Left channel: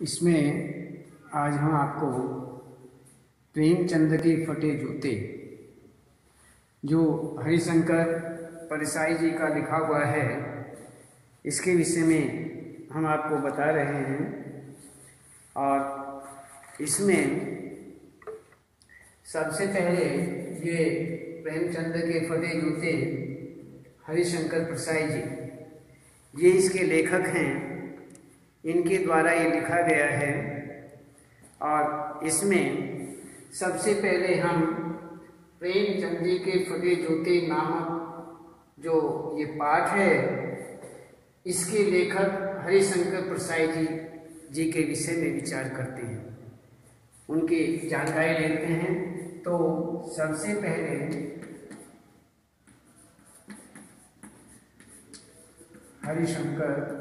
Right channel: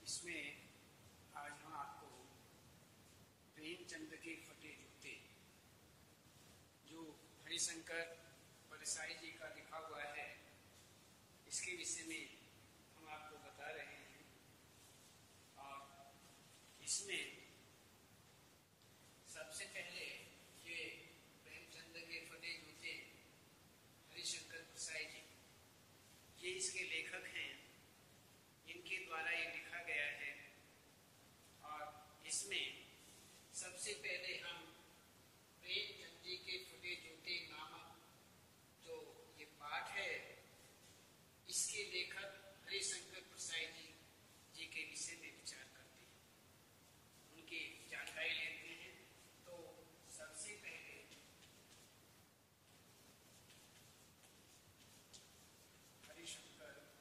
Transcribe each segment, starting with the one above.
इसमें आज हम आपको प्रेमचंद के फटे जूते जो हरिशंकर परसाई जी का लिखा हुआ है, इसके विषय में हम आपको बता रहे हैं। और इसमें सबसे पहले ये प्रेमचंद के फटे जूते हरिशंकर परसाई जी ये इसके लेखक हैं, इनके द्वारा ये लिखा गया है। और इसमें सबसे पहले हम प्रेमचंद जी के फटे जूते नामक जो ये पाठ है, इसके लेखक हरिशंकर परसाई जी के विषय में विचार करते हैं, उनकी जानकारी लेते हैं। तो सबसे पहले हरिशंकर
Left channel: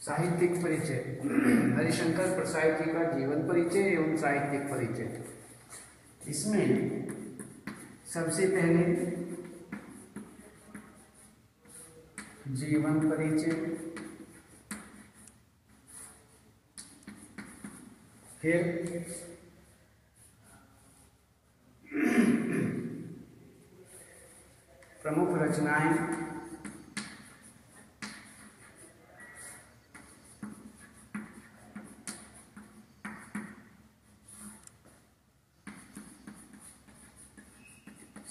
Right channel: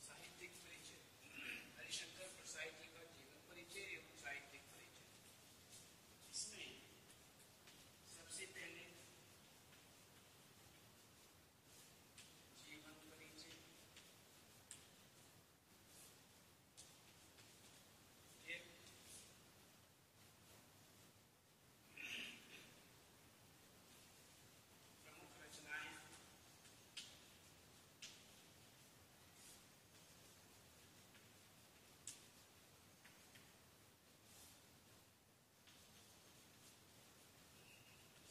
साहित्यिक परिचय, हरिशंकर परसाई जी का जीवन परिचय एवं साहित्यिक परिचय। इसमें सबसे पहले जीवन परिचय, फिर प्रमुख रचनाएं,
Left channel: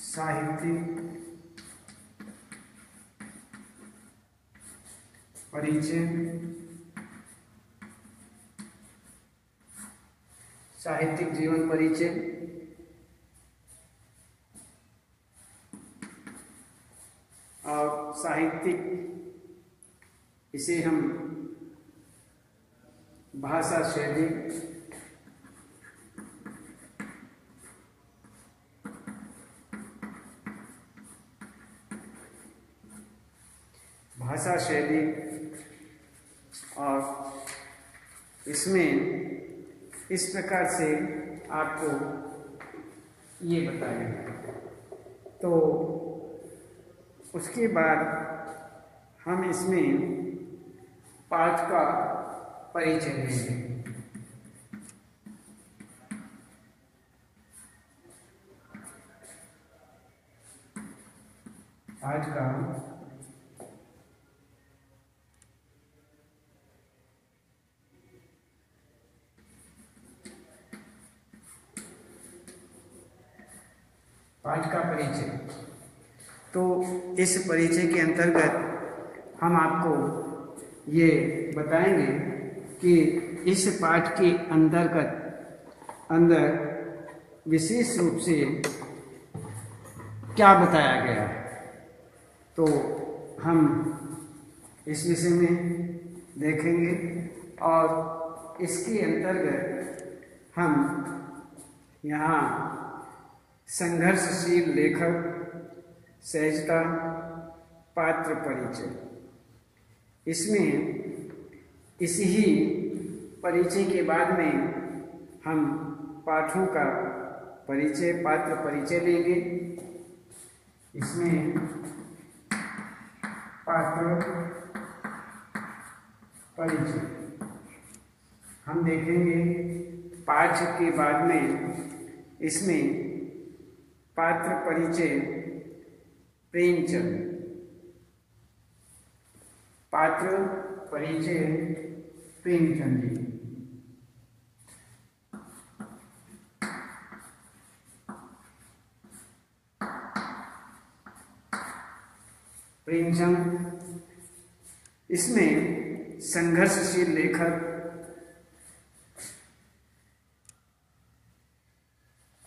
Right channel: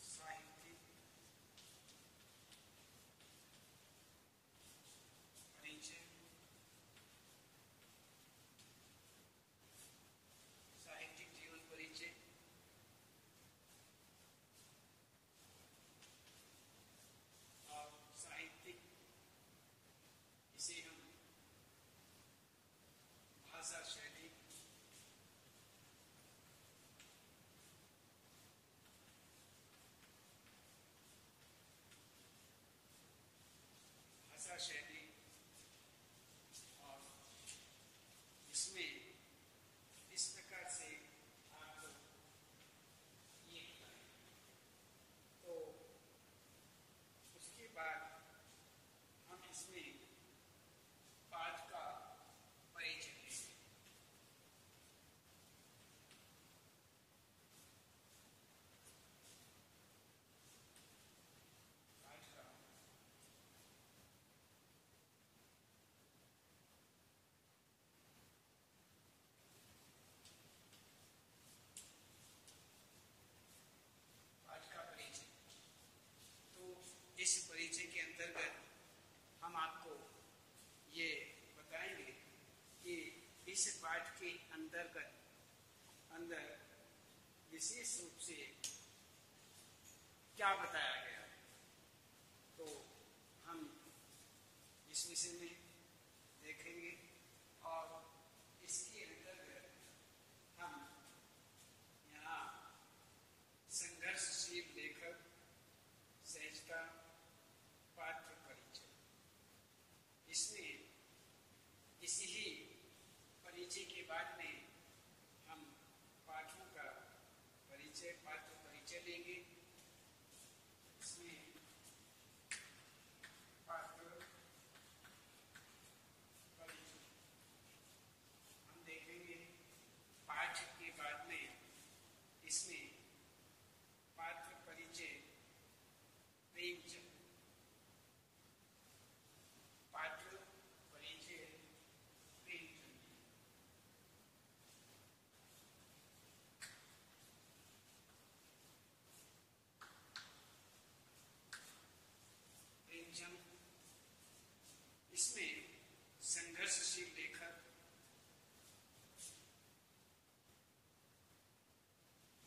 साहित्यिक परिचय, साहित्यिक जीवन परिचय, और साहित्यिक इसे हम भाषा शैली, भाषा शैली, और इसमें इस प्रकार से आपको ये बताएंगे। तो उसके बाद हम इसमें पाठ का परिचय लेंगे। पाठ का परिचय। तो इस परिचय के अंतर्गत हम आपको ये बताएंगे कि इस पाठ के अंदर विशेष रूप से क्या बताया गया है। तो हम इस विषय में देखेंगे और इसके अंतर्गत हम यहाँ संघर्षशील लेखक, सहजता, पात्र परिचय, इसमें इसी ही परिचय के बाद में हम पाठों का परिचय, पात्र परिचय लेंगे। इसमें पात्र परिचय हम देखेंगे। पाठ के बाद में इसमें पात्र परिचय प्रेमचंद, पात्र परिचय प्रेमचंद जी। प्रेमचंद इसमें संघर्षशील लेखक,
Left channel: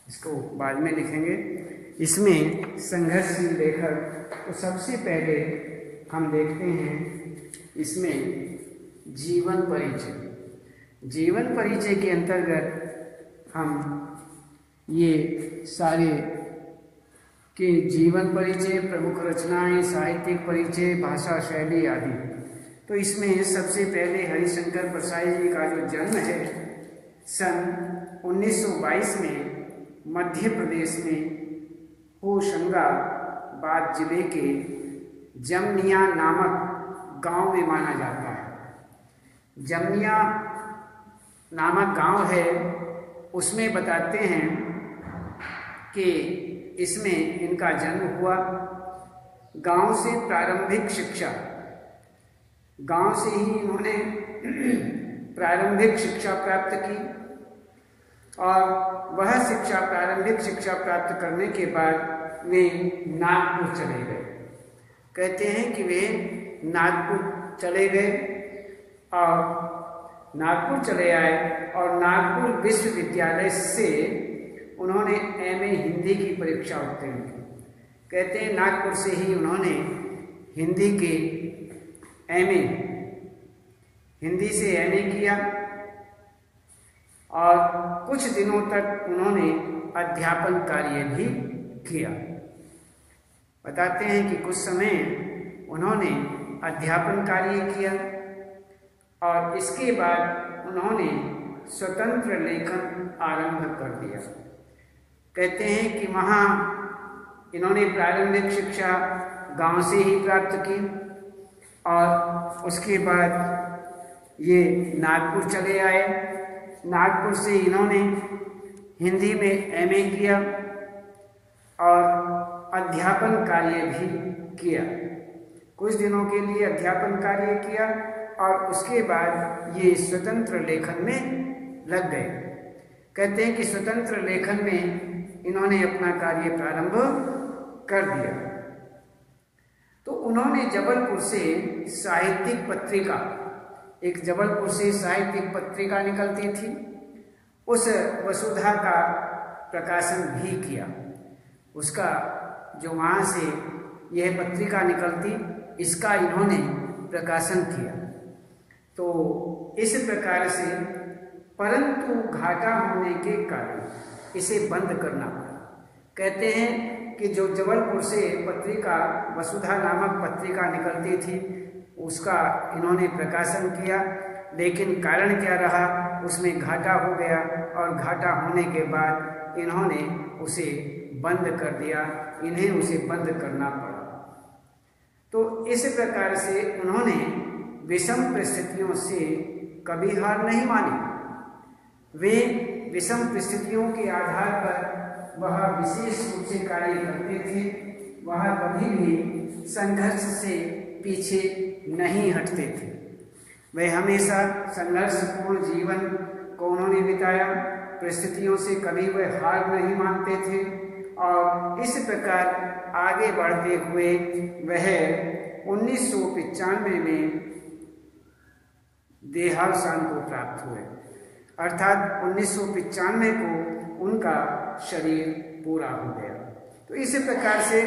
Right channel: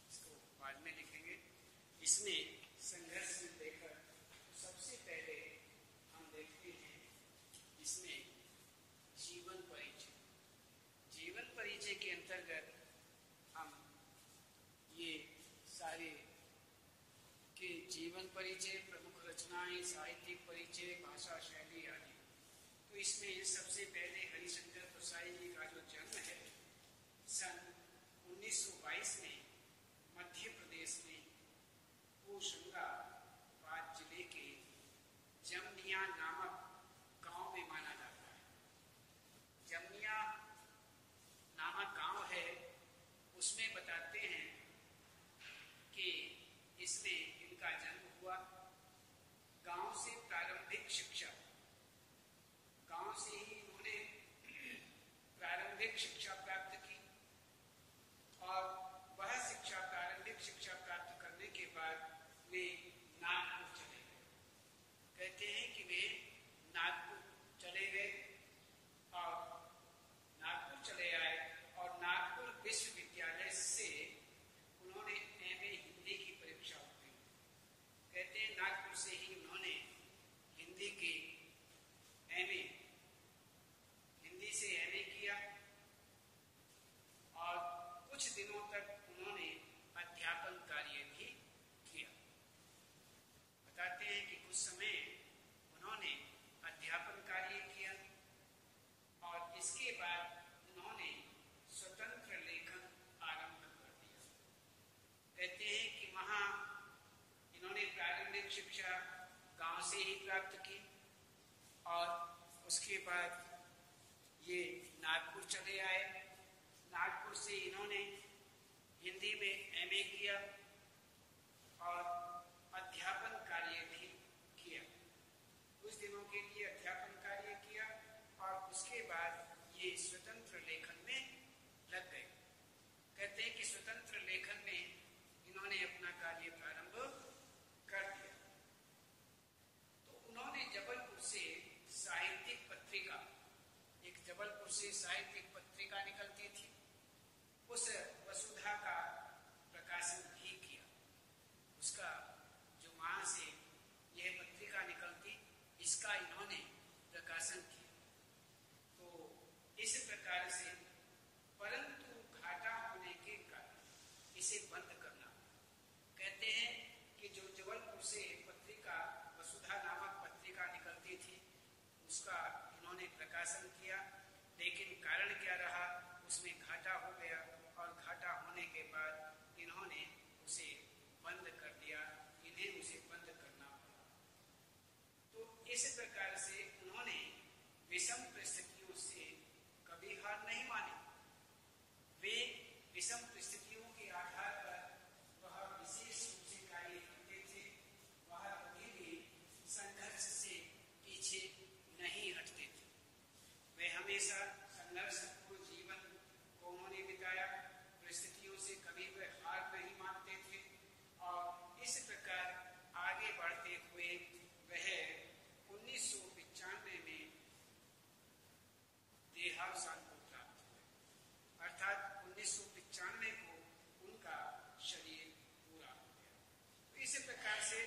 इसको बाद में लिखेंगे। इसमें संघर्षशील लेखक तो सबसे पहले हम देखते हैं इसमें जीवन परिचय। जीवन परिचय के अंतर्गत हम ये सारे के जीवन परिचय, प्रमुख रचनाएं, साहित्यिक परिचय, भाषा शैली आदि। तो इसमें सबसे पहले हरिशंकर परसाई जी का जो जन्म है सन 1922 में मध्य प्रदेश में होशंगाबाद जिले के जमनिया नामक गांव में माना जाता है। जमनिया नामक गांव है, उसमें बताते हैं कि इसमें इनका जन्म हुआ। गांव से प्रारंभिक शिक्षा, गांव से ही इन्होंने प्रारंभिक शिक्षा प्राप्त की और वह शिक्षा, प्रारंभिक शिक्षा प्राप्त करने के बाद वे नागपुर चले गए। कहते हैं कि वे नागपुर चले गए और नागपुर चले आए और नागपुर विश्वविद्यालय से उन्होंने एमए हिंदी की परीक्षा उत्तीर्ण की। कहते हैं नागपुर से ही उन्होंने हिंदी के एमए, हिंदी से एमए किया और कुछ दिनों तक उन्होंने अध्यापन कार्य भी किया। बताते हैं कि कुछ समय उन्होंने अध्यापन कार्य किया और इसके बाद उन्होंने स्वतंत्र लेखन आरंभ कर दिया। कहते हैं कि वहाँ इन्होंने प्रारंभिक शिक्षा गांव से ही प्राप्त की और उसके बाद ये नागपुर चले आए। नागपुर से इन्होंने हिंदी में एमए किया और अध्यापन कार्य भी किया। कुछ दिनों के लिए अध्यापन कार्य किया और उसके बाद ये स्वतंत्र लेखन में लग गए। कहते हैं कि स्वतंत्र लेखन में इन्होंने अपना कार्य प्रारंभ कर दिया। तो उन्होंने जबलपुर से साहित्यिक पत्रिका, एक जबलपुर से साहित्यिक पत्रिका निकलती थी, उस वसुधा का प्रकाशन भी किया। उसका जो वहाँ से यह पत्रिका निकलती, इसका इन्होंने प्रकाशन किया। तो इस प्रकार से, परंतु घाटा होने के कारण इसे बंद करना पड़ा। कहते हैं कि जो जबलपुर से पत्रिका, वसुधा नामक पत्रिका निकलती थी, उसका इन्होंने प्रकाशन किया, लेकिन कारण क्या रहा, उसमें घाटा हो गया और घाटा होने के बाद इन्होंने उसे बंद कर दिया, इन्हें उसे बंद करना पड़ा। तो इस प्रकार से उन्होंने विषम परिस्थितियों से कभी हार नहीं मानी। वे विषम परिस्थितियों के आधार पर वह विशेष रूप से कार्य करते थे। वह कभी भी संघर्ष से पीछे नहीं हटते थे। वे हमेशा संघर्षपूर्ण जीवन को उन्होंने बिताया। परिस्थितियों से कभी वे हार नहीं मानते थे और इस प्रकार आगे बढ़ते हुए वह 1995 में देहावसान को प्राप्त हुए। अर्थात 1995 को उनका शरीर पूरा हो गया। तो इस प्रकार से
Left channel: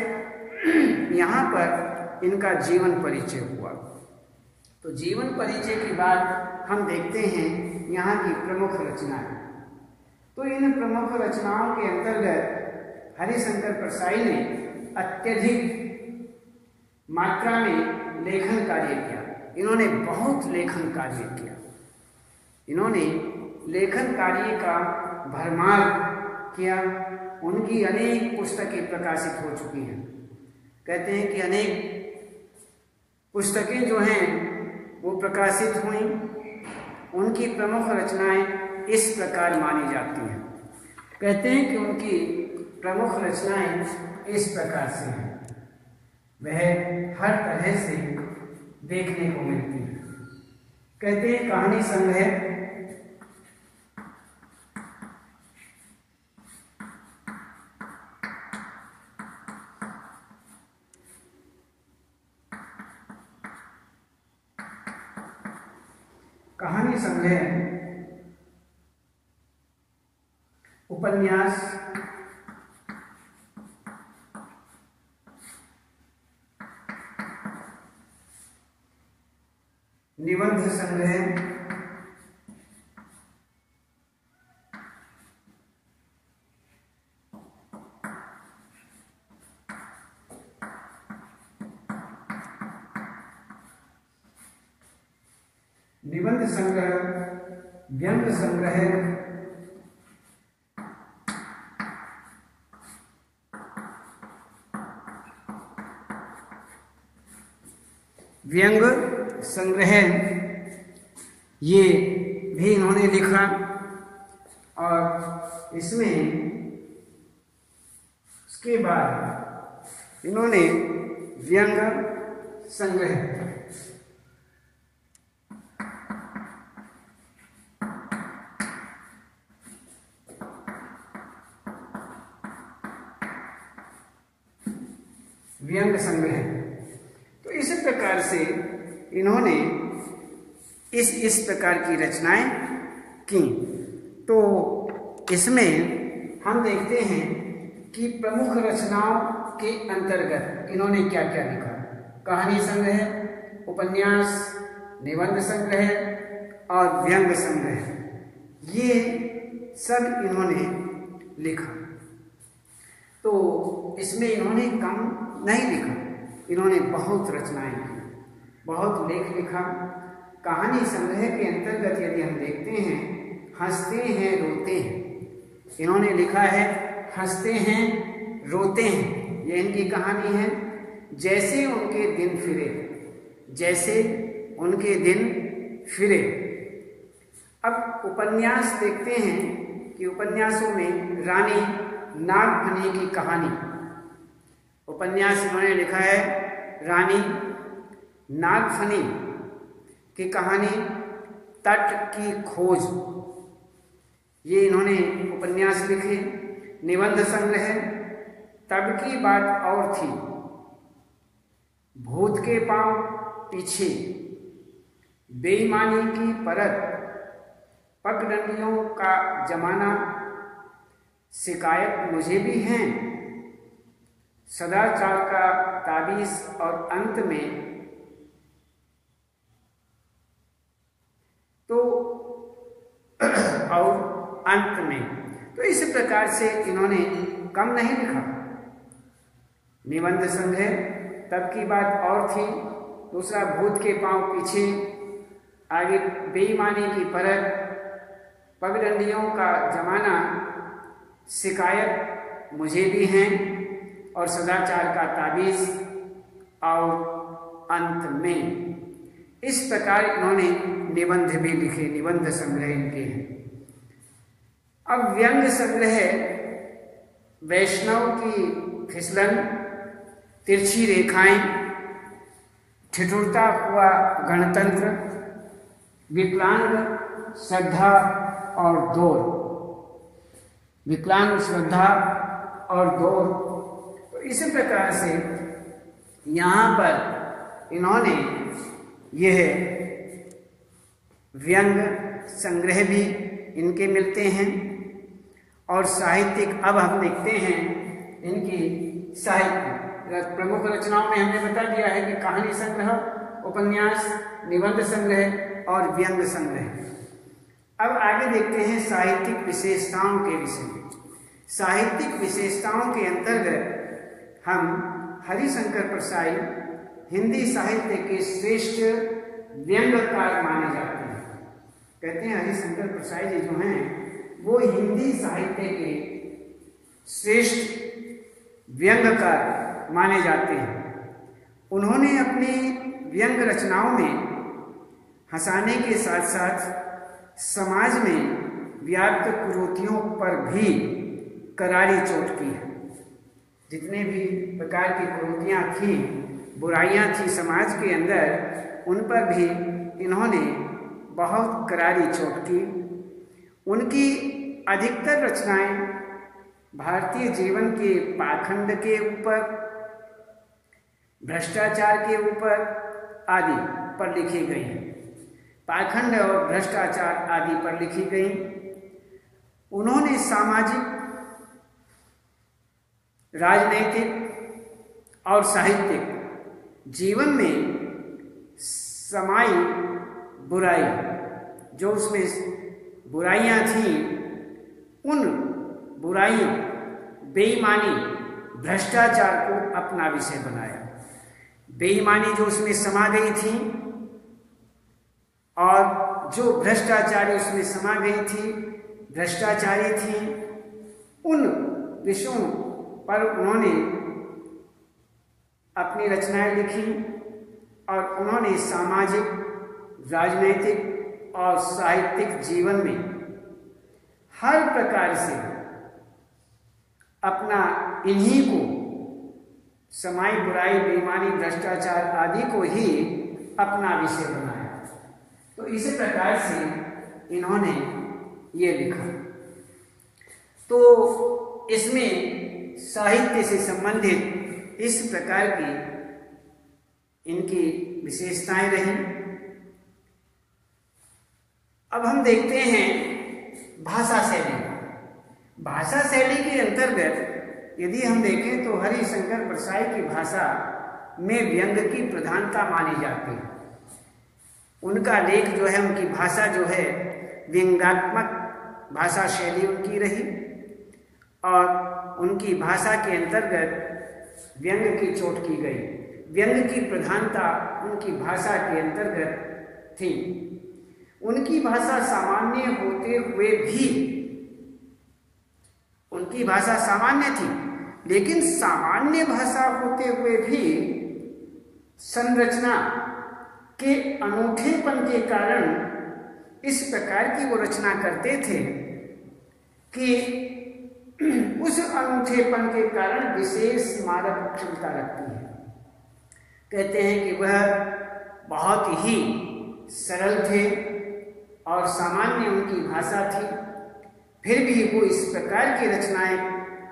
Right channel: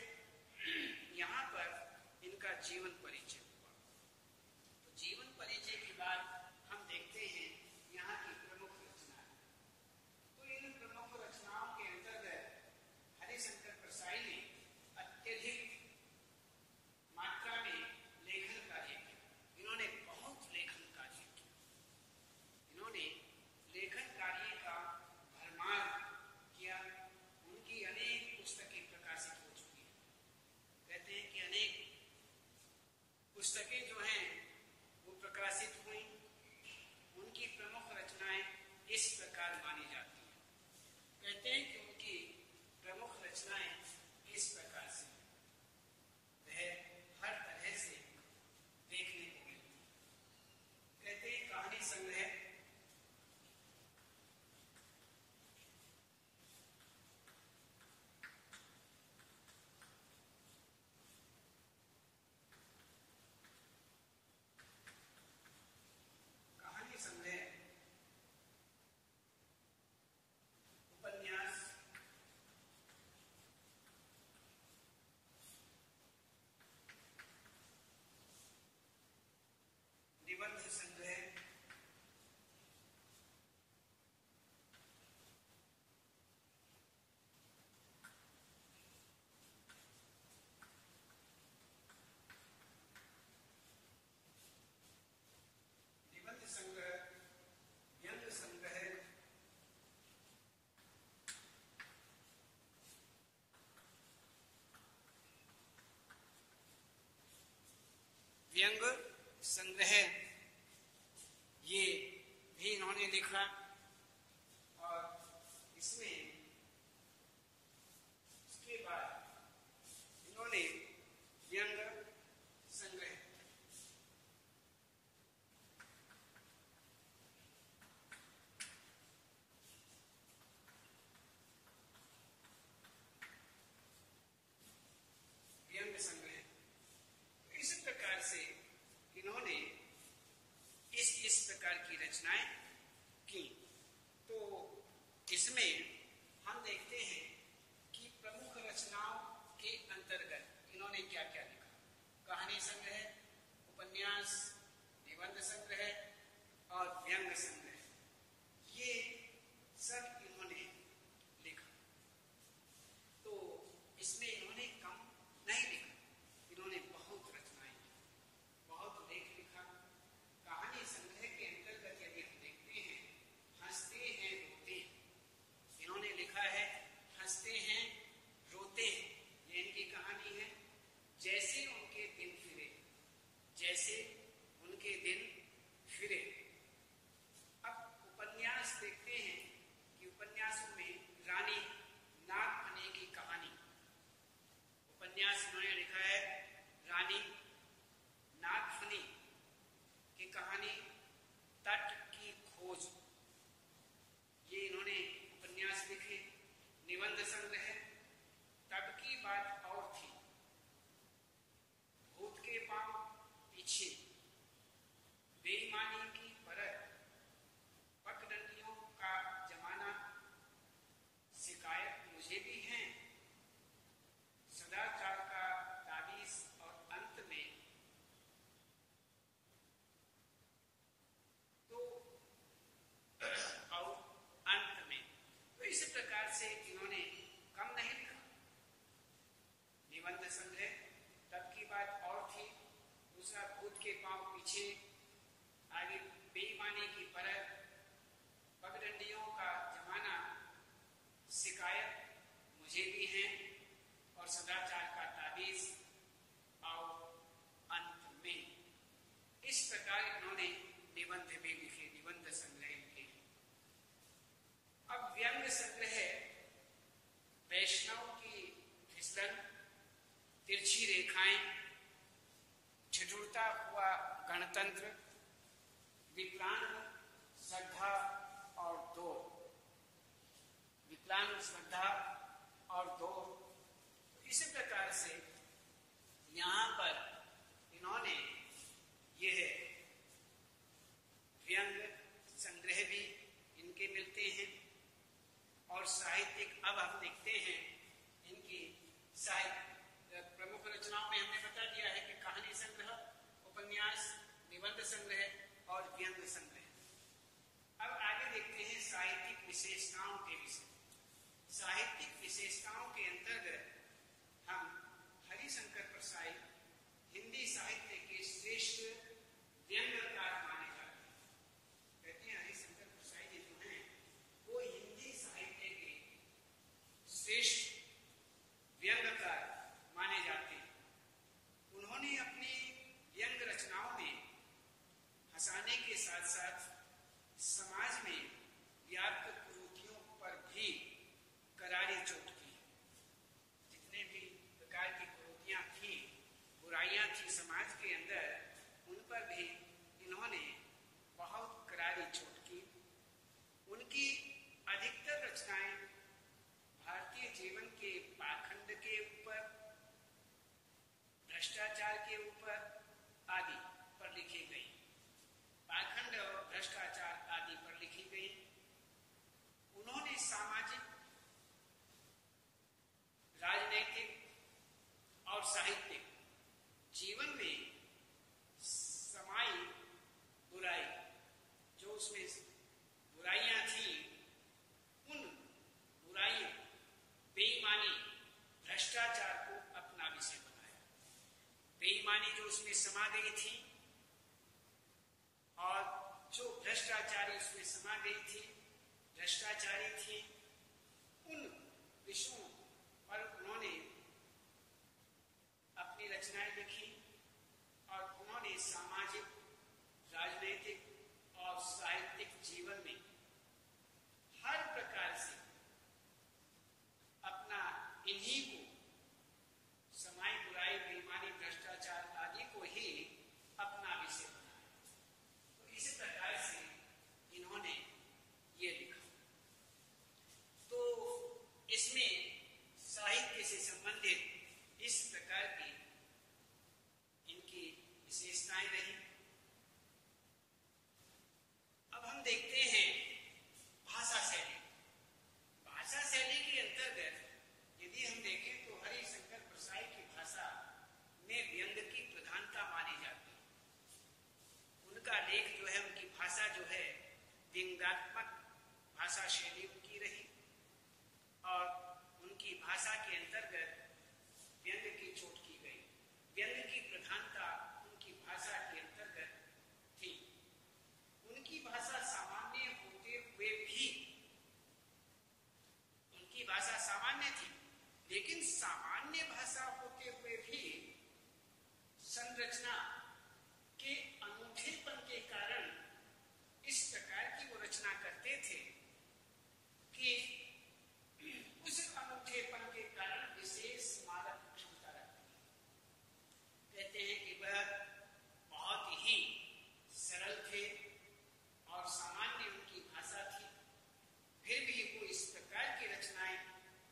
यहाँ पर इनका जीवन परिचय हुआ। तो जीवन परिचय के बाद हम देखते हैं यहाँ की प्रमुख रचनाएं। तो इन प्रमुख रचनाओं के अंतर्गत हरिशंकर परसाई ने अत्यधिक मात्रा में लेखन कार्य किया। इन्होंने बहुत लेखन कार्य किया। इन्होंने लेखन कार्य का भरमार किया। उनकी अनेक पुस्तकें प्रकाशित हो चुकी हैं। कहते हैं कि अनेक पुस्तकें जो हैं वो प्रकाशित हुई। उनकी प्रमुख रचनाएं इस प्रकार मानी जाती हैं। कहते हैं कि उनकी प्रमुख रचनाएं इस प्रकार से हैं, वह हर तरह से देखने को मिलती है। कहते हैं कहानी संग्रह, कहानी संग्रह, उपन्यास, निबंध संग्रह, निबंध संग्रह, व्यंग्य संग्रह, व्यंग्य संग्रह, ये भी इन्होंने लिखा। और इसमें उसके बाद इन्होंने व्यंग्य संग्रह, व्यंग्य संग्रह, तो इस प्रकार से इन्होंने इस प्रकार की रचनाएं की। तो इसमें हम देखते हैं कि प्रमुख रचनाओं के अंतर्गत इन्होंने क्या क्या लिखा। कहानी संग्रह, उपन्यास, निबंध संग्रह और व्यंग्य संग्रह, ये सब इन्होंने लिखा। तो इसमें इन्होंने कम नहीं लिखा, इन्होंने बहुत रचनाएं की, बहुत लेख लिखा। कहानी संग्रह के अंतर्गत यदि हम देखते हैं, हंसते हैं रोते हैं, इन्होंने लिखा है हंसते हैं रोते हैं, ये इनकी कहानी है। जैसे उनके दिन फिरे, जैसे उनके दिन फिरे। अब उपन्यास देखते हैं कि उपन्यासों में रानी नागफनी की कहानी, उपन्यास इन्होंने लिखा है रानी नागफनी की कहानी, तट की खोज, ये इन्होंने उपन्यास लिखे। निबंध संग्रह, तब की बात और थी, भूत के पांव पीछे, बेईमानी की परत, पगडंडियों का जमाना, शिकायत मुझे भी हैं, सदाचार का ताबीज और अंत में। तो और अंत में, तो इस प्रकार से इन्होंने कम नहीं लिखा। निबंध संग्रह, तब की बात और थी, दूसरा भूत के पांव पीछे, आगे बेईमानी की परत, पगडंडियों का जमाना, शिकायत मुझे भी हैं और सदाचार का ताबीज और अंत में। इस प्रकार इन्होंने निबंध भी लिखे, निबंध संग्रह इनके हैं। अब व्यंग्य संग्रह, वैष्णव की फिसलन, तिरछी रेखाएं, ठिठुरता हुआ गणतंत्र, विकलांग श्रद्धा और दौर, विकलांग श्रद्धा और दौर। तो इस प्रकार से यहाँ पर इन्होंने यह व्यंग्य संग्रह भी इनके मिलते हैं। और साहित्यिक, अब हम देखते हैं इनकी साहित्य प्रमुख रचनाओं में हमने बता दिया है कि कहानी संग्रह, उपन्यास, निबंध संग्रह और व्यंग्य संग्रह। अब आगे देखते हैं साहित्यिक विशेषताओं के विषय में। साहित्यिक विशेषताओं के अंतर्गत हम हरिशंकर परसाई हिंदी साहित्य के श्रेष्ठ व्यंग्यकार माने जाते हैं। कहते हैं हरिशंकर परसाई जी जो हैं वो हिंदी साहित्य के श्रेष्ठ व्यंग्यकार माने जाते हैं। उन्होंने अपनी व्यंग्य रचनाओं में हंसाने के साथ साथ समाज में व्याप्त कुरीतियों पर भी करारी चोट की है। जितने भी प्रकार की कुरीतियाँ थी, बुराइयाँ थी समाज के अंदर, उन पर भी इन्होंने बहुत करारी चोट की। उनकी अधिकतर रचनाएं भारतीय जीवन के पाखंड के ऊपर, भ्रष्टाचार के ऊपर आदि पर लिखी गई। पाखंड और भ्रष्टाचार आदि पर लिखी गई। उन्होंने सामाजिक, राजनैतिक और साहित्यिक जीवन में समाई बुराई, जो उसमें बुराइयां थीं, उन बुराइयों, बेईमानी, भ्रष्टाचार को अपना विषय बनाया। बेईमानी जो उसमें समा गई थी और जो भ्रष्टाचारी उसमें समा गई थी, भ्रष्टाचारी थी, उन विषयों पर उन्होंने अपनी रचनाएं लिखी और उन्होंने सामाजिक, राजनैतिक और साहित्यिक जीवन में हर प्रकार से अपना इन्हीं को, समाई बुराई, बेईमानी, भ्रष्टाचार आदि को ही अपना विषय बनाया। तो इसी प्रकार से इन्होंने ये लिखा। तो इसमें साहित्य से संबंधित इस प्रकार की इनकी विशेषताएं रही। अब हम देखते हैं भाषा शैली। भाषा शैली के अंतर्गत यदि हम देखें तो हरिशंकर परसाई की भाषा में व्यंग की प्रधानता मानी जाती है। उनका लेख जो है, उनकी भाषा जो है, व्यंग्यात्मक भाषा शैली उनकी रही और उनकी भाषा के अंतर्गत व्यंग की चोट की गई। व्यंग की प्रधानता उनकी भाषा के अंतर्गत थी। उनकी भाषा सामान्य होते हुए भी, उनकी भाषा सामान्य थी, लेकिन सामान्य भाषा होते हुए भी संरचना के अनूठेपन के कारण इस प्रकार की वो रचना करते थे कि उस अनूठेपन के कारण विशेष स्मारक क्षमता रखती है। कहते हैं कि वह बहुत ही सरल थे और सामान्य उनकी भाषा थी, फिर भी वो इस प्रकार की रचनाएं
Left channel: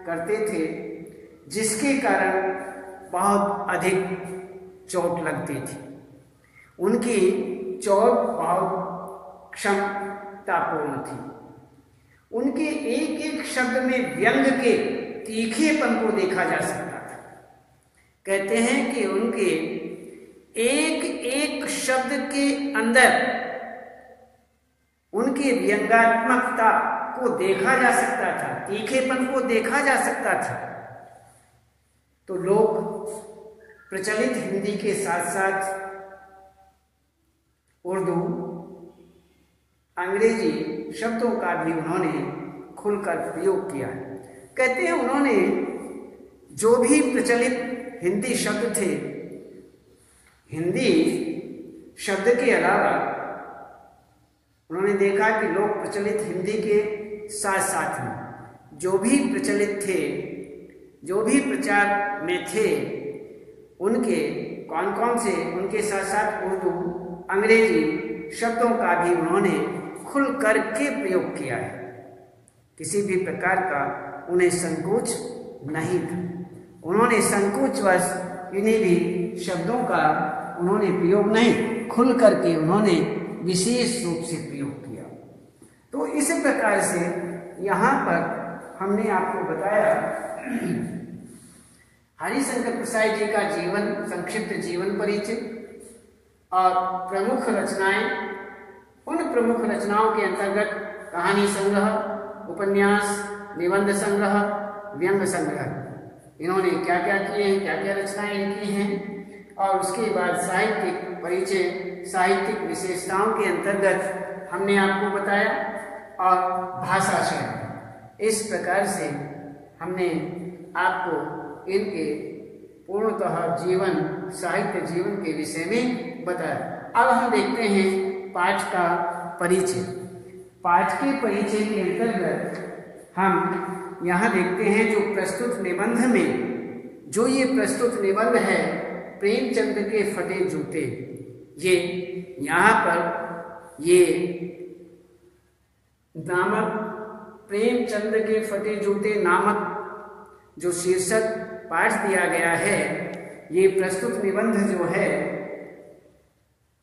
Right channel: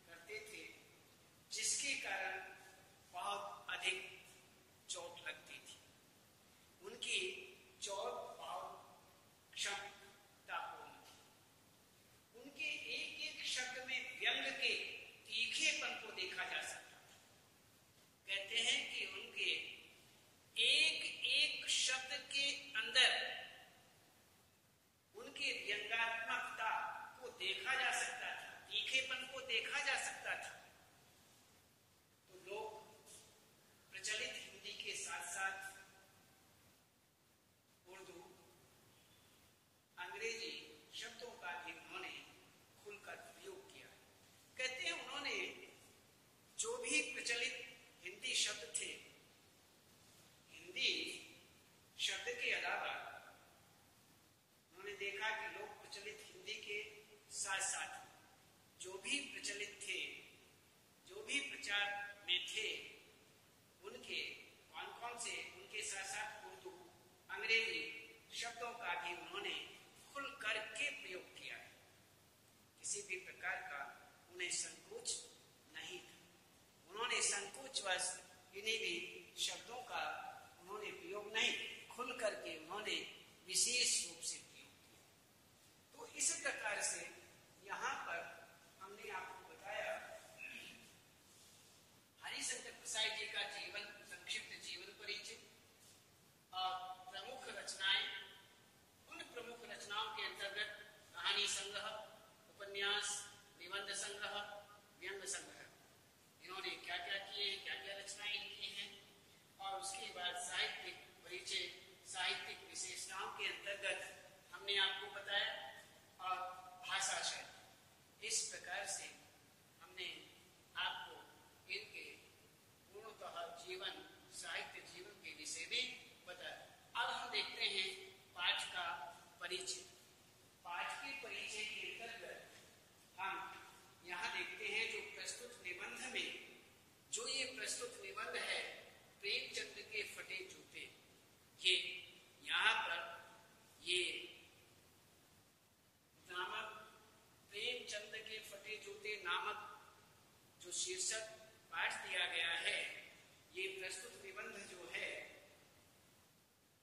करते थे जिसके कारण बहुत अधिक चोट लगती थी। उनकी चोट बहुत क्षमतापूर्ण थी। उनके एक एक शब्द में व्यंग के तीखेपन को देखा जा सकता था। कहते हैं कि उनके एक एक शब्द के अंदर उनकी व्यंग्यात्मकता को देखा जा सकता था, तीखेपन को देखा जा सकता था। तो लोग प्रचलित हिंदी के साथ साथ उर्दू, अंग्रेजी शब्दों का भी उन्होंने खुलकर प्रयोग किया। कहते हैं उन्होंने जो भी प्रचलित हिंदी शब्द थे, हिंदी शब्द के अलावा उन्होंने देखा कि लोग प्रचलित हिंदी के साथ साथ में जो भी प्रचलित थे, जो भी प्रचार में थे, उनके कौन कौन से, उनके साथ साथ उर्दू, अंग्रेजी शब्दों का भी उन्होंने खुल करके प्रयोग किया है। किसी भी प्रकार का उन्हें संकोच नहीं था। उन्होंने संकोचवश इन्हीं भी शब्दों का उन्होंने प्रयोग नहीं, खुल करके उन्होंने विशेष रूप से प्रयोग किया। तो इस प्रकार से यहाँ पर हमने आपको बताया हरिशंकर प्रसाई जी का जीवन, संक्षिप्त जीवन परिचय और प्रमुख रचनाएं। उन प्रमुख रचनाओं के अंतर्गत कहानी संग्रह, उपन्यास, निबंध संग्रह, व्यंग्य संग्रह, इन्होंने क्या क्या किए हैं, क्या क्या रचनाएं लिखी हैं। और उसके बाद साहित्यिक परिचय, साहित्यिक विशेषताओं के अंतर्गत हमने आपको बताया और भाषा शैली। इस प्रकार से हमने आपको इनके पूर्णतः जीवन, साहित्य जीवन के विषय में बताया। अब हम देखते हैं पाठ का परिचय। पाठ के परिचय के अंतर्गत हम यहाँ देखते हैं जो प्रस्तुत निबंध में, जो ये प्रस्तुत निबंध है प्रेमचंद के फटे जूते, ये यहाँ पर ये नामक प्रेमचंद के फटे जूते नामक जो शीर्षक पाठ दिया गया है, ये प्रस्तुत निबंध जो है,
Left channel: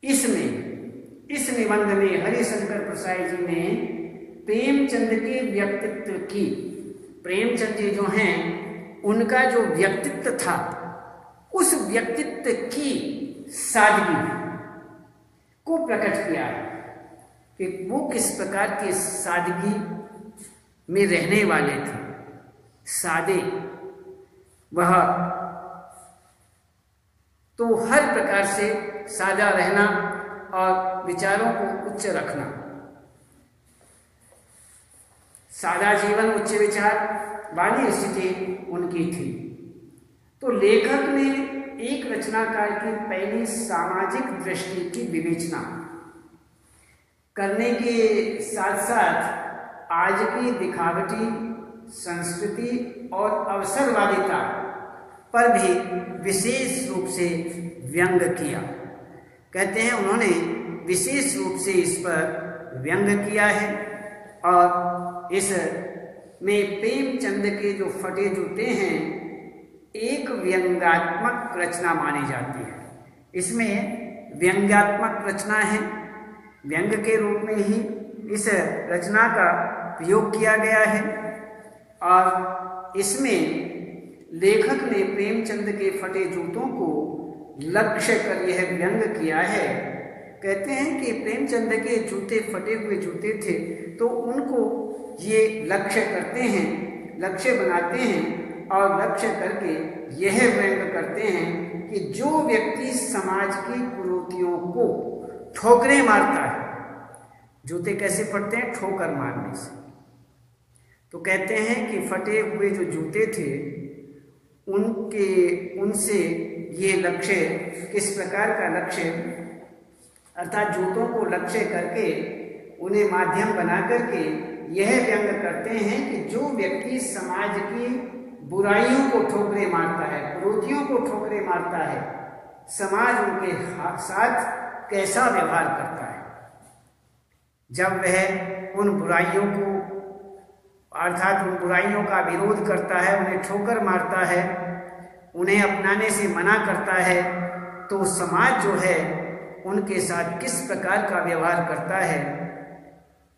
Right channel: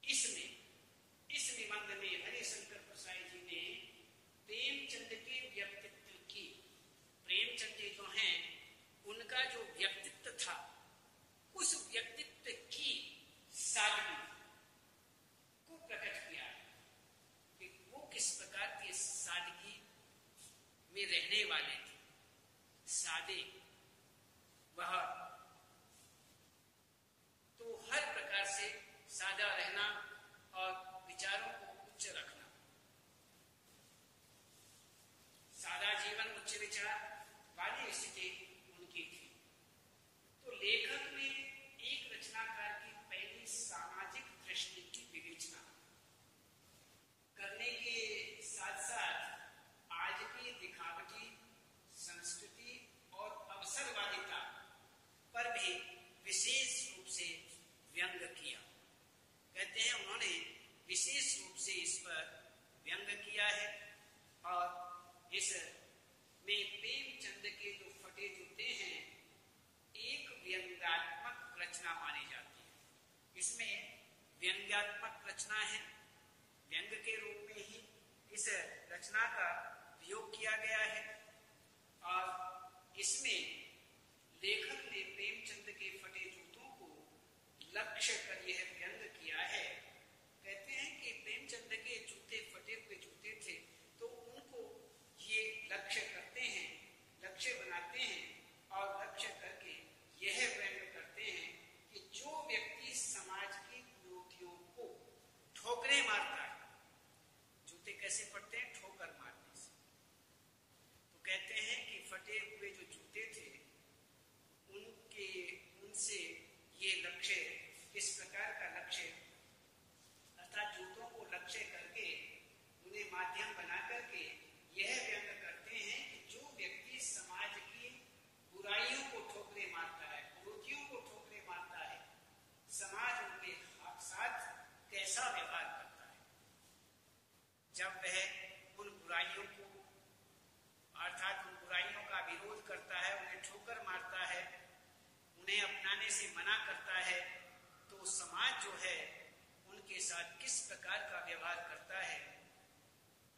इसमें इस निबंध में हरिशंकर प्रसाई जी ने प्रेमचंद के व्यक्तित्व की, प्रेमचंद जी जो हैं उनका जो व्यक्तित्व था, उस व्यक्तित्व की सादगी, को प्रकट किया है कि वो किस प्रकार के सादगी में रहने वाले थे। सादे वह तो हर प्रकार से सादा रहना और विचारों को उच्च रखना, सादा जीवन उच्च विचार वाली स्थिति उनकी थी। तो लेखक ने एक रचनाकार की पहली सामाजिक दृष्टि की विवेचना करने के साथ साथ आज की दिखावटी संस्कृति और अवसरवादिता पर भी विशेष रूप से व्यंग किया। कहते हैं उन्होंने विशेष रूप से इस पर व्यंग किया है और इस में प्रेमचंद के जो फटे जूते हैं एक व्यंग्यात्मक रचना मानी जाती है। इसमें व्यंग्यात्मक रचना है, व्यंग के रूप में ही इस रचना का प्रयोग किया गया है और इसमें लेखक ने प्रेमचंद के फटे जूतों को लक्ष्य कर यह व्यंग किया है। कहते हैं कि प्रेमचंद के जूते फटे हुए जूते थे तो उनको ये लक्ष्य करते हैं, लक्ष्य बनाते हैं और लक्ष्य करके यह व्यंग करते हैं कि जो व्यक्ति समाज की कुरीतियों को ठोकरें मारता है, जूते कैसे फटते हैं? ठोकर मारने से। तो कहते हैं कि फटे हुए जो जूते थे उनसे ये लक्ष्य, किस प्रकार का लक्ष्य, अर्थात जूतों को लक्ष्य करके उन्हें माध्यम बना करके यह व्यंग करते हैं कि जो व्यक्ति समाज की बुराइयों को ठोकरे मारता है, कुरीतियों को ठोकरे मारता है, समाज उनके साथ कैसा व्यवहार करता है। जब वह उन बुराइयों को, अर्थात उन बुराइयों का विरोध करता है, उन्हें ठोकर मारता है, उन्हें अपनाने से मना करता है, तो समाज जो है उनके साथ किस प्रकार का व्यवहार करता है,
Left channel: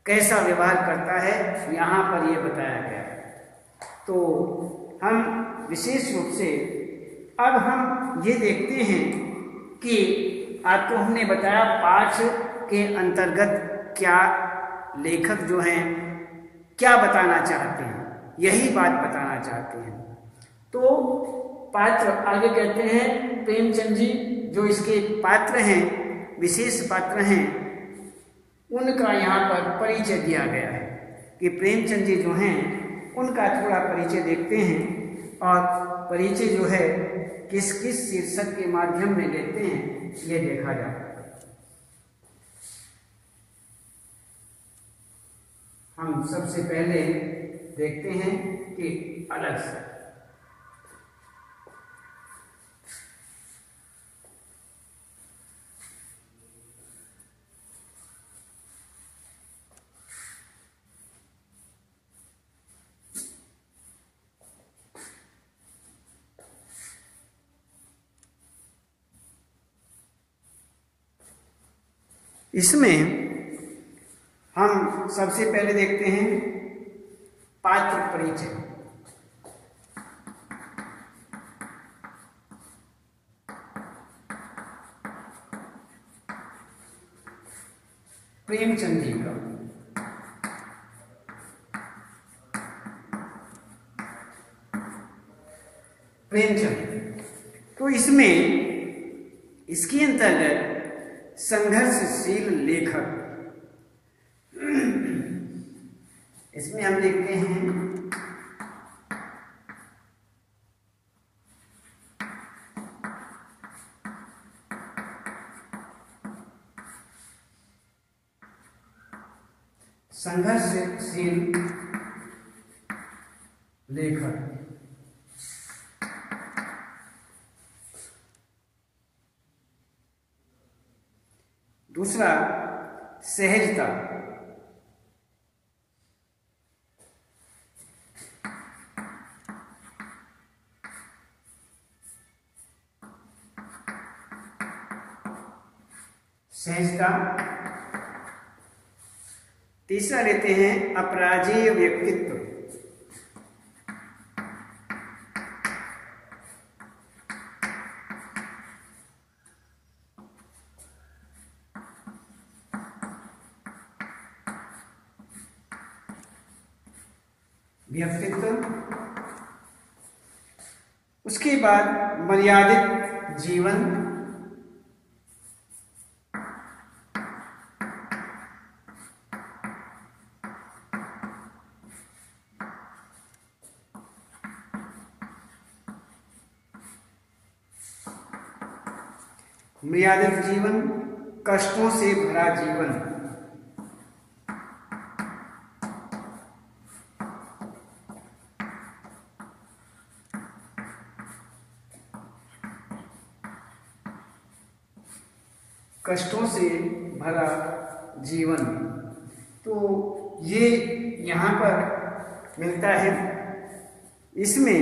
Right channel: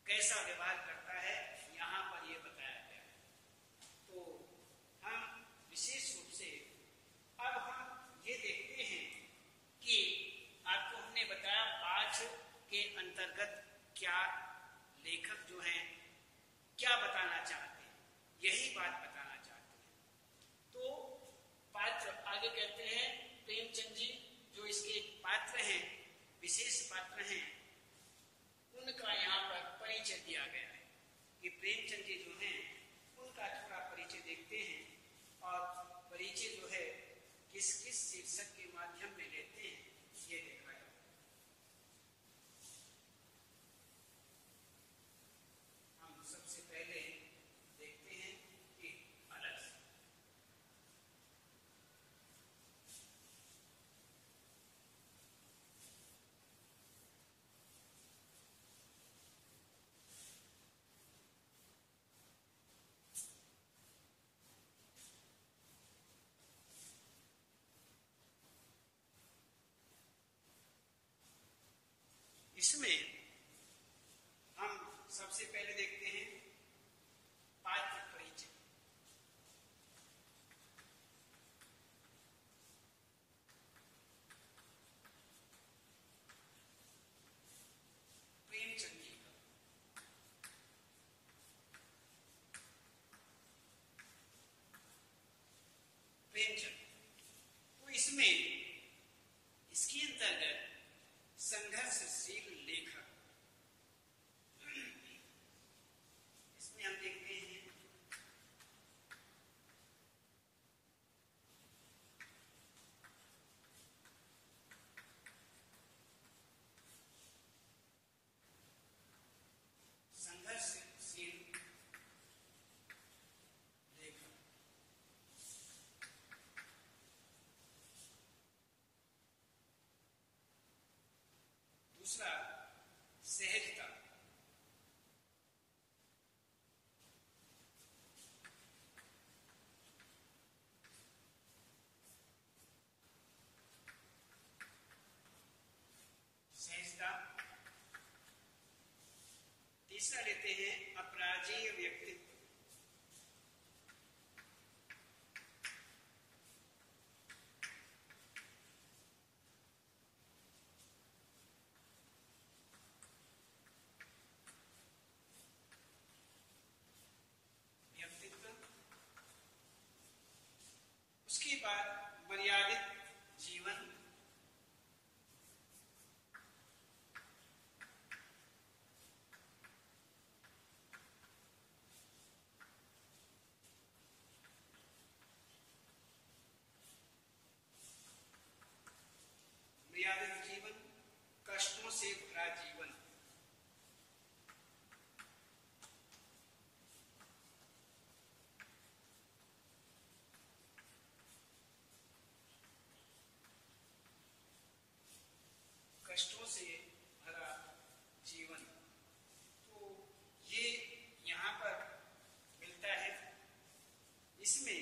कैसा व्यवहार करता है, यहाँ पर यह बताया गया है। तो हम विशेष रूप से अब हम ये देखते हैं कि आपको हमने बताया पाठ के अंतर्गत क्या लेखक जो हैं क्या बताना चाहते हैं, यही बात बताना चाहते हैं। तो पात्र आगे कहते हैं, प्रेमचंद जी जो इसके पात्र हैं, विशेष पात्र हैं, उनका यहाँ पर परिचय दिया गया है कि प्रेमचंद जी जो हैं उनका थोड़ा परिचय देखते हैं और परिचय जो है किस किस शीर्षक के माध्यम में देते हैं ये देखा जाए। हम सबसे पहले देखते हैं कि अलग से इसमें हम सबसे पहले देखते हैं पात्र परिचय। प्रेमचंद जी का प्रेमचंद, तो इसमें इसके अंतर्गत संघर्षशील लेखक, इसमें हम देखते हैं संघर्षशील लेखक। दूसरा सहजता, सहजता। तीसरा लेते हैं अपराजेय व्यक्तित्व। व्यक्तित्व, उसके बाद मर्यादित जीवन, मर्यादित जीवन, कष्टों से भरा जीवन, कष्टों से भरा जीवन। तो ये यहाँ पर मिलता है। इसमें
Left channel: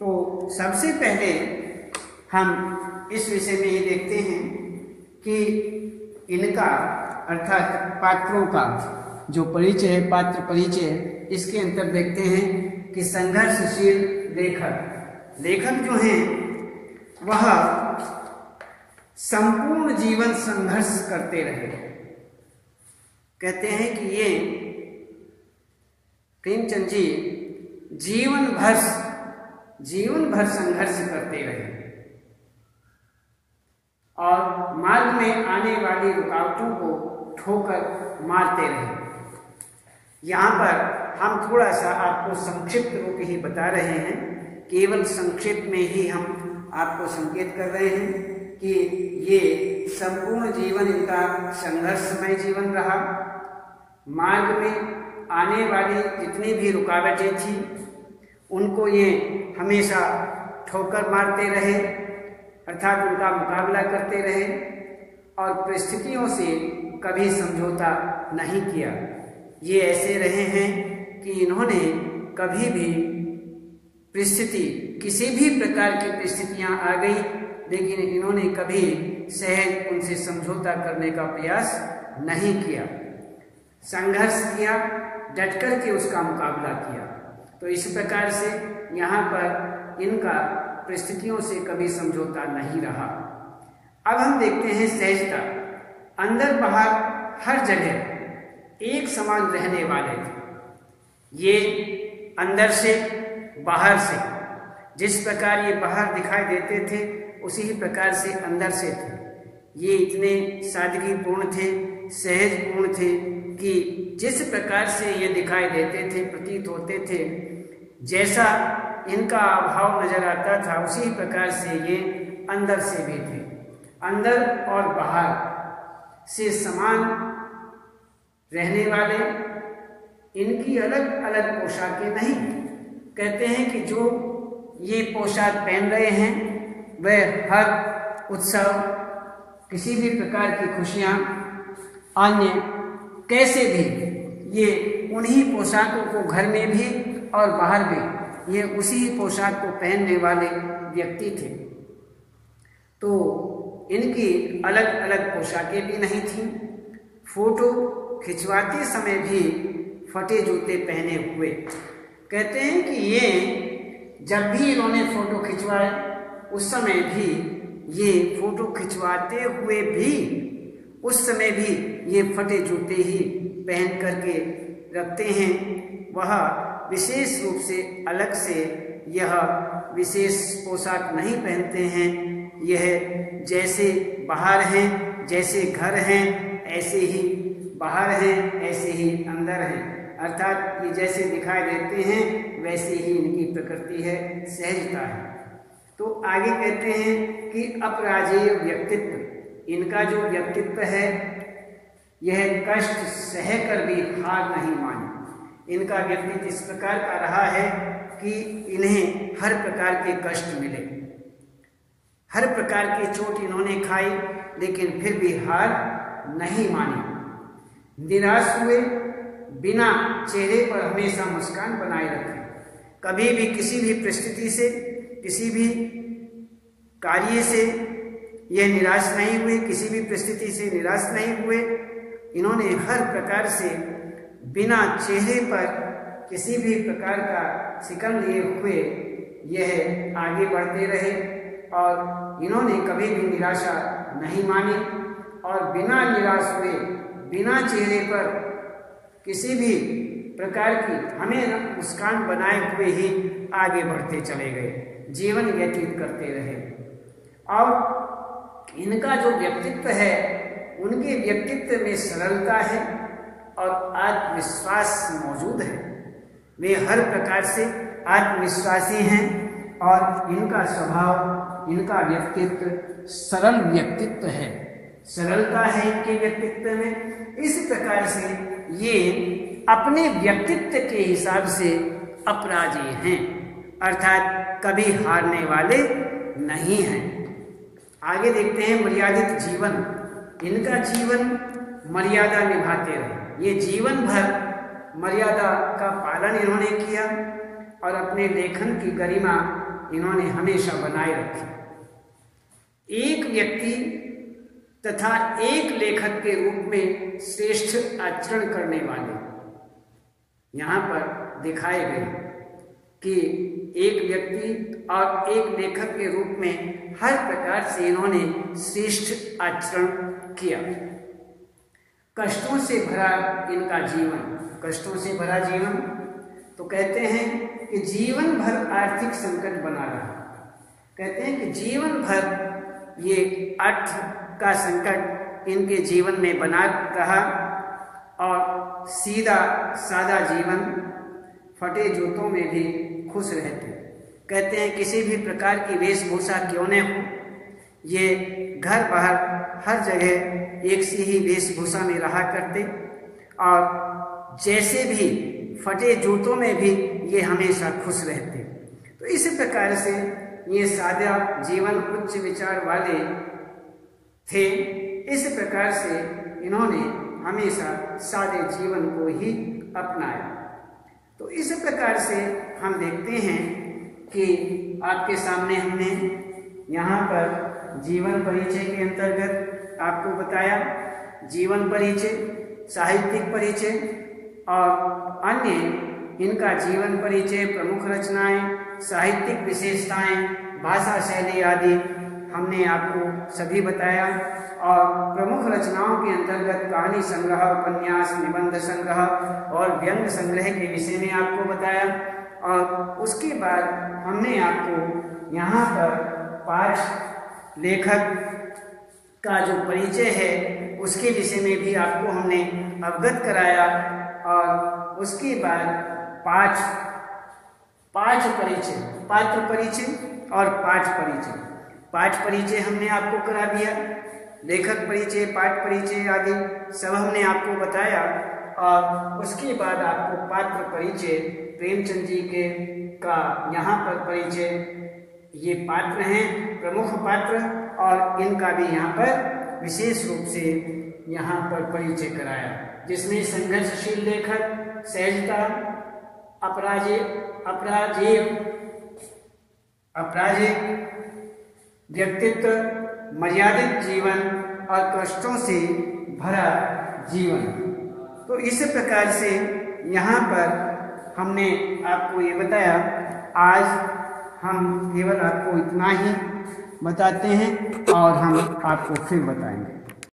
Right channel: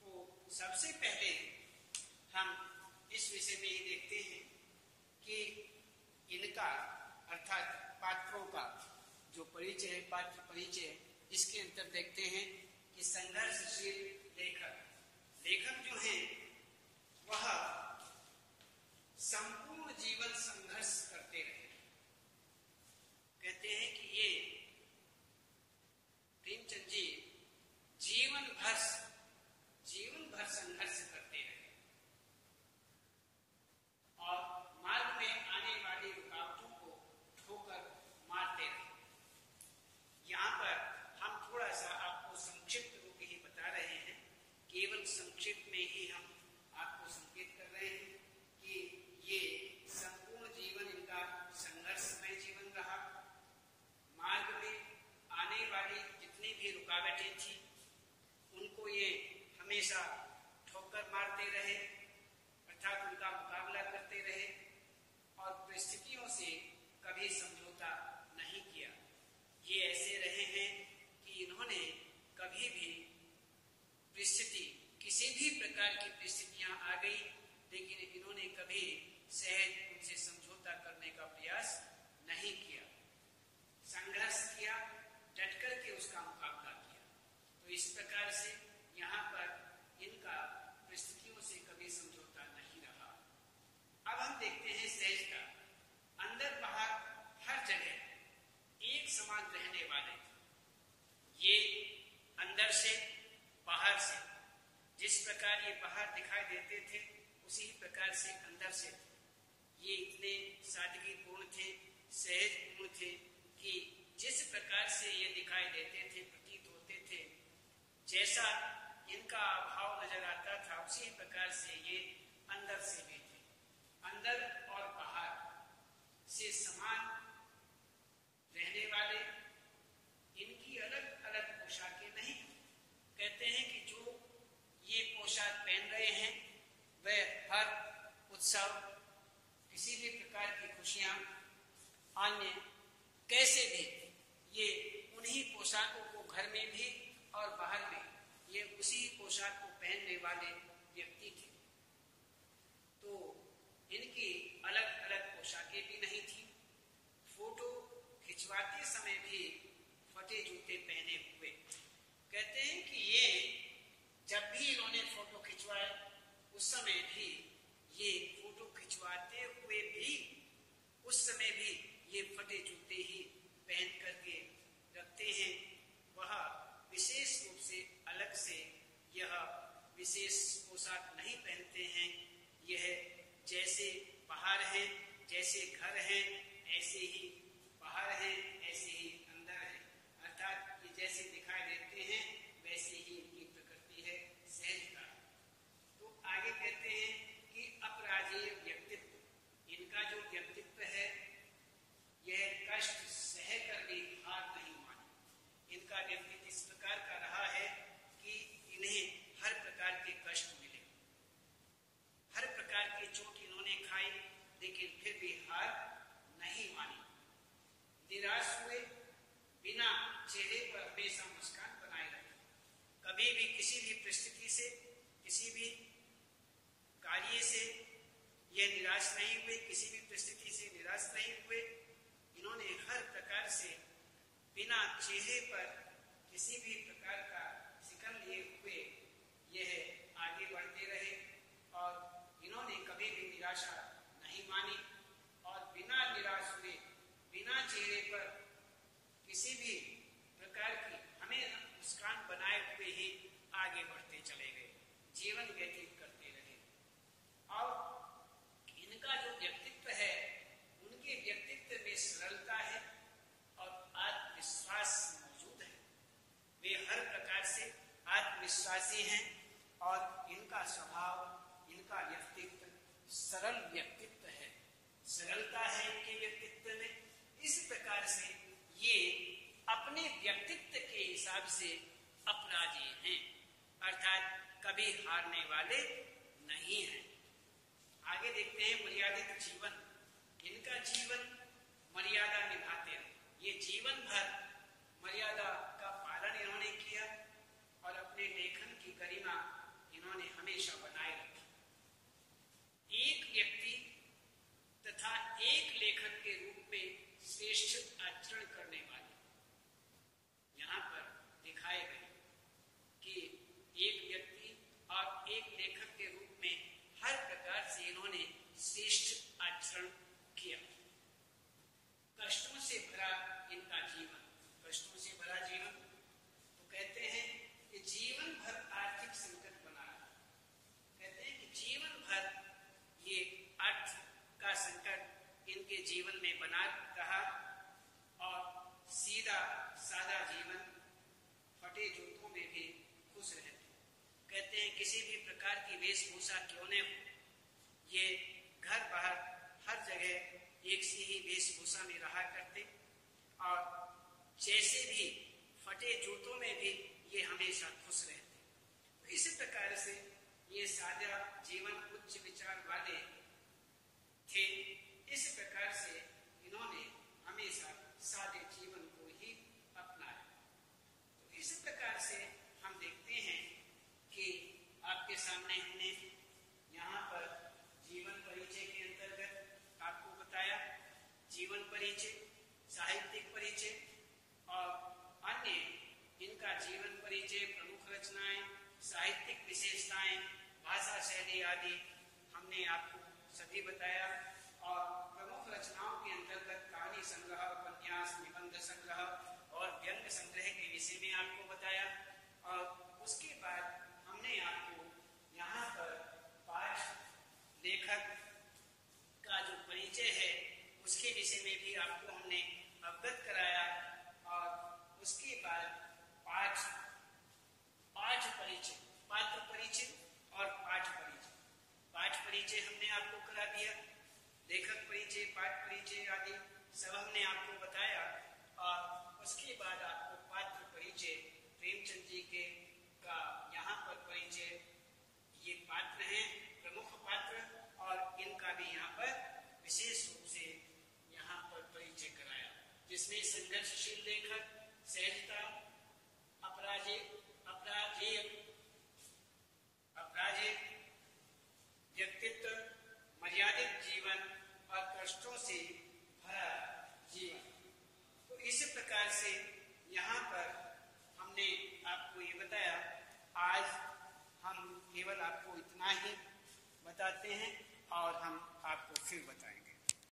तो सबसे पहले हम इस विषय में ये देखते हैं कि इनका अर्थात पात्रों का जो परिचय है, पात्र परिचय, इसके अंतर देखते हैं कि संघर्षशील लेखक, लेखक जो हैं वह संपूर्ण जीवन संघर्ष करते रहे। कहते हैं कि ये प्रेमचंद जी जीवन भर संघर्ष करते रहे और मार्ग में आने वाली रुकावटों को ठोकर मारते रहे। यहाँ पर हम थोड़ा सा आपको संक्षिप्त रूप ही बता रहे हैं, केवल संक्षिप्त में ही हम आपको संकेत कर रहे हैं कि ये संपूर्ण जीवन इनका संघर्षमय जीवन रहा। मार्ग में आने वाली जितनी भी रुकावटें थी उनको ये हमेशा ठोकर मारते रहे, अर्थात उनका मुकाबला करते रहे और परिस्थितियों से कभी समझौता नहीं किया। ये ऐसे रहे हैं कि इन्होंने कभी भी परिस्थिति, किसी भी प्रकार की परिस्थितियां आ गई, लेकिन इन्होंने कभी सहज उनसे समझौता करने का प्रयास नहीं किया। संघर्ष किया, डट कर के उसका मुकाबला किया। तो इस प्रकार से यहाँ पर इनका परिस्थितियों से कभी समझौता नहीं रहा। अब हम देखते हैं सहजता। अंदर बाहर हर जगह एक समान रहने वाले थे। ये अंदर से बाहर से, जिस प्रकार ये बाहर दिखाई देते थे उसी ही प्रकार से अंदर से थे। ये इतने सादगीपूर्ण थे, सहजपूर्ण थे कि जिस प्रकार से ये दिखाई देते थे, प्रतीत होते थे, जैसा इनका भाव नजर आता था उसी प्रकार से ये अंदर से भी थे। अंदर और बाहर से समान रहने वाले, इनकी अलग अलग पोशाकें नहीं। कहते हैं कि जो ये पोशाक पहन रहे हैं वह हर उत्सव, किसी भी प्रकार की खुशियाँ, अन्य कैसे भी, ये उन्हीं पोशाकों को घर में भी और बाहर भी ये उसी पोशाक को पहनने वाले व्यक्ति थे। तो इनकी अलग अलग पोशाकें भी नहीं थीं। फोटो खिंचवाते समय भी फटे जूते पहने हुए। कहते हैं कि ये जब भी इन्होंने फोटो खिंचवाए उस समय भी, ये फोटो खिंचवाते हुए भी उस समय भी ये फटे जूते ही पहन करके रखते हैं। वह विशेष रूप से अलग से यह विशेष पोशाक नहीं पहनते हैं। यह जैसे बाहर हैं, जैसे घर हैं, ऐसे ही बाहर हैं, ऐसे ही अंदर हैं। अर्थात ये जैसे दिखाई देते हैं वैसे ही इनकी प्रकृति है, सहजता है। तो आगे कहते हैं कि अपराजेय व्यक्तित्व, इनका जो व्यक्तित्व है यह कष्ट सहकर भी हार नहीं मानी। इनका व्यक्तित्व इस प्रकार का रहा है कि इन्हें हर प्रकार के कष्ट मिले, हर प्रकार की चोट इन्होंने खाई, लेकिन फिर भी हार नहीं मानी। निराश हुए बिना चेहरे पर हमेशा मुस्कान बनाए रखे। कभी भी किसी भी परिस्थिति से, किसी भी कार्य से यह निराश नहीं हुए, किसी भी परिस्थिति से निराश नहीं हुए। इन्होंने हर प्रकार से बिना चेहरे पर किसी भी प्रकार का शिकन लिए हुए यह आगे बढ़ते रहे और इन्होंने कभी भी निराशा नहीं मानी और बिना निराश हुए, बिना चेहरे पर किसी भी प्रकार की हमें मुस्कान बनाए हुए ही आगे बढ़ते चले गए, जीवन व्यतीत करते रहे। और इनका जो व्यक्तित्व है, उनके व्यक्तित्व में सरलता है और आत्मविश्वास मौजूद है। वे हर प्रकार से आत्मविश्वासी हैं और इनका स्वभाव, इनका व्यक्तित्व सरल व्यक्तित्व है, सरलता है इनके व्यक्तित्व में। इस प्रकार से ये अपने व्यक्तित्व के हिसाब से अपराजेय हैं, अर्थात कभी हारने वाले नहीं हैं। आगे देखते हैं मर्यादित जीवन। इनका जीवन मर्यादा निभाते रहे, ये जीवन भर मर्यादा का पालन इन्होंने किया और अपने लेखन की गरिमा इन्होंने हमेशा बनाए रखी। एक व्यक्ति तथा एक लेखक के रूप में श्रेष्ठ आचरण करने वाले यहाँ पर दिखाए गए कि एक व्यक्ति और एक लेखक के रूप में हर प्रकार से इन्होंने श्रेष्ठ आचरण किया। कष्टों से भरा इनका जीवन, कष्टों से भरा जीवन, तो कहते हैं कि जीवन भर आर्थिक संकट बना रहा। कहते हैं कि जीवन भर ये अर्थ का संकट इनके जीवन में बना रहा और सीधा सादा जीवन, फटे जूतों में भी खुश रहते। कहते हैं किसी भी प्रकार की वेशभूषा क्यों न हो, ये घर बाहर हर जगह एक सी ही वेशभूषा में रहा करते और जैसे भी फटे जूतों में भी ये हमेशा खुश रहते। तो इस प्रकार से ये सादा जीवन, उच्च विचार वाले थे। इस प्रकार से इन्होंने हमेशा सादे जीवन को ही अपनाया। तो इस प्रकार से हम देखते हैं कि आपके सामने हमने यहाँ पर जीवन परिचय के अंतर्गत आपको बताया जीवन परिचय, साहित्यिक परिचय और अन्य इनका जीवन परिचय, प्रमुख रचनाएं, साहित्यिक विशेषताएं, भाषा शैली आदि हमने आपको सभी बताया। और प्रमुख रचनाओं के अंतर्गत कहानी संग्रह, उपन्यास, निबंध संग्रह और व्यंग्य संग्रह के विषय में आपको बताया। और उसके बाद हमने आपको यहाँ पर पाठ लेखक का जो परिचय है उसके विषय में भी आपको हमने अवगत कराया। और उसके बाद पाठ परिचय, पात्र परिचय और पाठ परिचय, पाठ परिचय हमने आपको करा दिया, लेखक परिचय, पाठ परिचय आदि सब हमने आपको बताया। और उसके बाद आपको पात्र परिचय, प्रेमचंद जी के का यहाँ पर परिचय, ये पात्र हैं प्रमुख पात्र और इनका भी यहाँ पर विशेष रूप से यहाँ पर परिचय कराया, जिसमें संघर्षशील लेखक, सहजता, अपराजेय व्यक्तित्व, मर्यादित जीवन और कष्टों से भरा जीवन। तो इस प्रकार से यहाँ पर हमने आपको ये बताया। आज हम केवल आपको इतना ही बताते हैं और हम आपको फिर बताएंगे।